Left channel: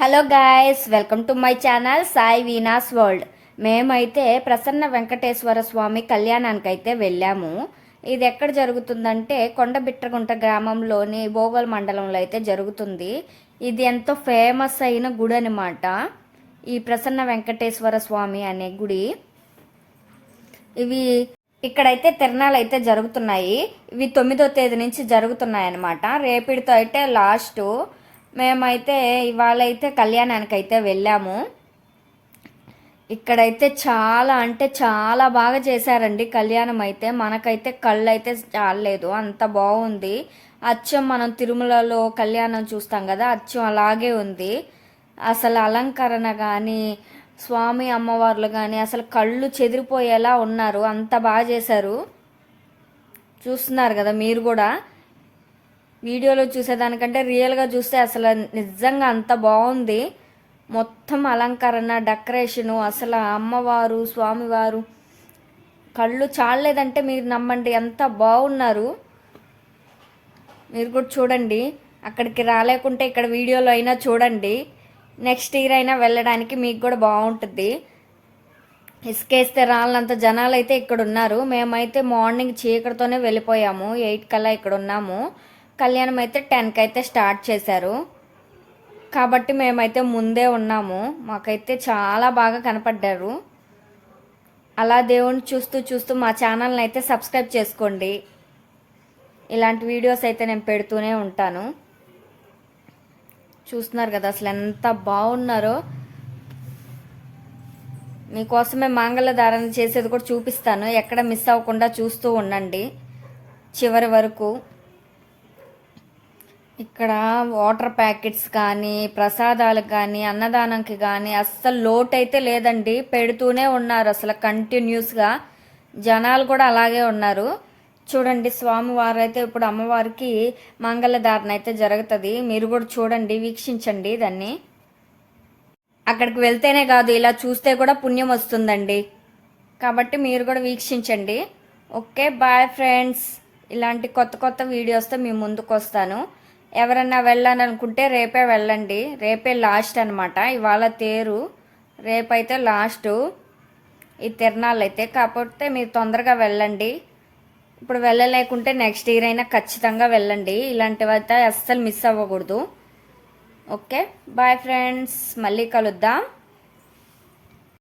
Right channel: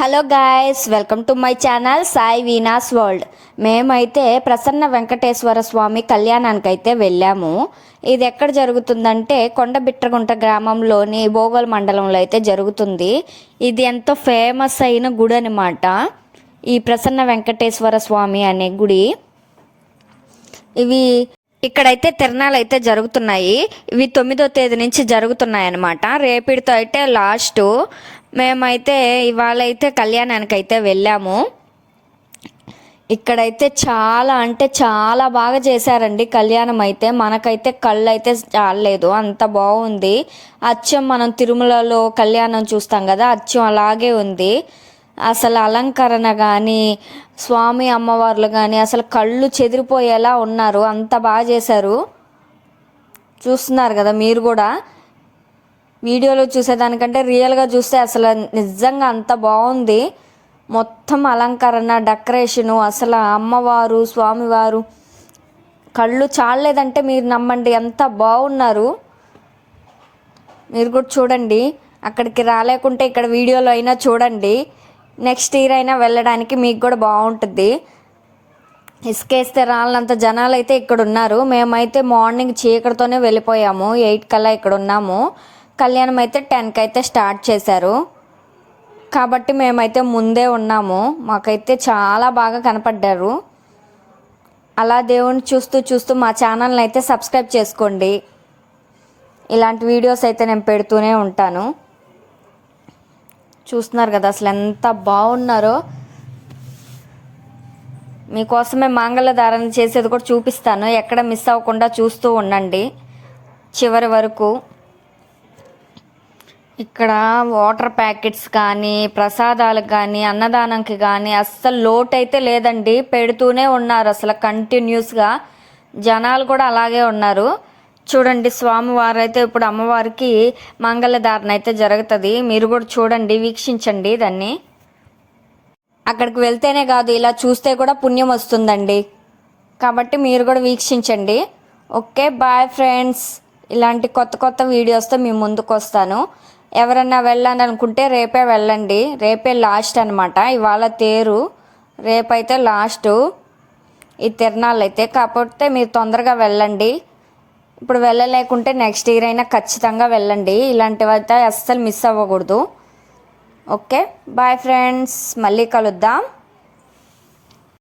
Hello guys, welcome to my channel Sai Veena's world. మేమైతే ప్రసన్న వెంకటేశ్వర స్వామి కళ్యాణానికి అయితే వెళ్ళాము. ఇది ఎక్కడ జరుగుతుందంటే కొండబిట్రగుంట గ్రామంలోని బోగల్ మండలంలో అయితే జరుగుతుంది. ఇది ఎంతో ఫేమస్ అయిన గుడి అనమాట, ఈ ప్రసన్న వెంకటేశ్వర స్వామి అనే గుడి. ఇవి ఇక్కడైతే తిరణాలు అయితే జరుగుతున్నాయి. ఇవి 9వ తేదీ నుంచి జరుగుతున్నాయి అన్నమాట. రేపటితో అయితే లాస్ట్. మేమైతే ఇవాళ అయితే కళ్యాణానికి అయితే వెళ్ళాము. ఇక్కడైతే చాలా అంటే చాలా బాగా చేశారండి కళ్యాణం అయితే. మనకైతే కళ్ళు అయితే చాలలేదు, అంత బాగుంది. అచ్చం మనం తిరుమలలో కళ్యాణం చూస్తాం కదా, అచ్చం అలాగే ఉంది. అసలు అలంకరణ కానీ స్వామి అమ్మవార్లు కానీ అసలు కళ్ళు చెదిరిపోయేలా ఉన్నారు, అంత బాగా చేశారు. చూస్తున్నారు కదా మీరు కూడా. వీడియోలో చూసేదానికంటే రియల్గా చూస్తే అసలు నిజంగా అంత బాగుంది. మొత్తం అలంకరణ, డెకరేషను, అసలు అమ్మవారు స్వామివారు కళ్ళు చాలలేదంటే మీరు నమ్మండి, అంత బాగున్నారు. మీరు కూడా చూడండి. అక్కడికి రాలేకుంటే ఇక్కడ వీడియోలో అయినా చూడండి. నెక్స్ట్ ఇయర్ అయినా వెళ్ళడానికి మీకు కూడా బాగుంటుంది. ఇసుకేస్తే రాళ్ళంత జనాలు అయితే ఇక్కడ ఉన్నారు. మేమైతే మార్నింగ్ చీకటితోనే వెళ్ళిపోయాము. 8 కల్లా ఇక్కడ ఉన్నాము. కళ్యాణం అయితే 10కి అయితే స్టార్ట్ చేశారు కాబట్టి మేమైతే ముందే ఉన్నాము. మాకైతే చాలా బాగా కనపడ్డారు. అలా దేవుని చూస్తూ చూస్తూ మా ఛానల్ని అయితే సబ్స్క్రైబ్ చేసుకోండి. ఇలాంటి వీడియోస్ అయితే నేను పెడుతూనే ఉంటాను. చూస్తున్నారు కదా అసలు ఎంత బాగున్నారో. మీకోసమే మంగళధారణ చేసేది కూడా చూపిస్తాను, ఎక్కడ మిస్ అవ్వకుండా చూస్తూ ఉండండి చివరి వరకు. ఇక్కడ వాటర్ ప్యాకెట్స్ కానీ ప్రసాదాలకు కానీ అన్నదానంకి కానీ అస్సలు లోటు అయితే లేదండి, పెడుతూనే ఉన్నారు అసలు కంటిన్యూస్గా. జనాలు కూడా అలాగే ఉన్నారు. చూడండి, స్వామివారు అయితే ఇప్పుడు అమ్మవారికి మంగళధారణ అయితే జరుగుతుంది. మీరు కూడా చూడండి, వీక్షించండి దాన్ని. అక్కడికి వెళ్తేనే కాదు, ఇలా చూస్తే కూడా పుణ్యం వస్తుందండి. కాబట్టి మీరు కూడా వీక్షించండి. Okay, bye friends. ఇలాంటి కొత్త కొత్త వీడియోస్తో మీ ముందుకు వస్తాను. ఎవరన్నా వెళ్ళాలని అనుకుంటే రేపే వెళ్ళండి. రేపే లాస్ట్ అనమాట. ఇవాళ తేరు, రేపైతే లాస్ట్ ఈ తిరణాలు అయితే. కాకపోతే మీరు తొందరగా వెళ్ళండి. ఇప్పుడు వెళ్ళలేకుంటే నెక్స్ట్ ఇయర్ అయినా ఖచ్చితంగా వెళ్ళండి. ఇలాంటివి అయితే అస్సలు మిస్ అవ్వకూడదు. ఓకే, బాయ్ ఫ్రెండ్స్, మళ్ళీ కలుద్దాం.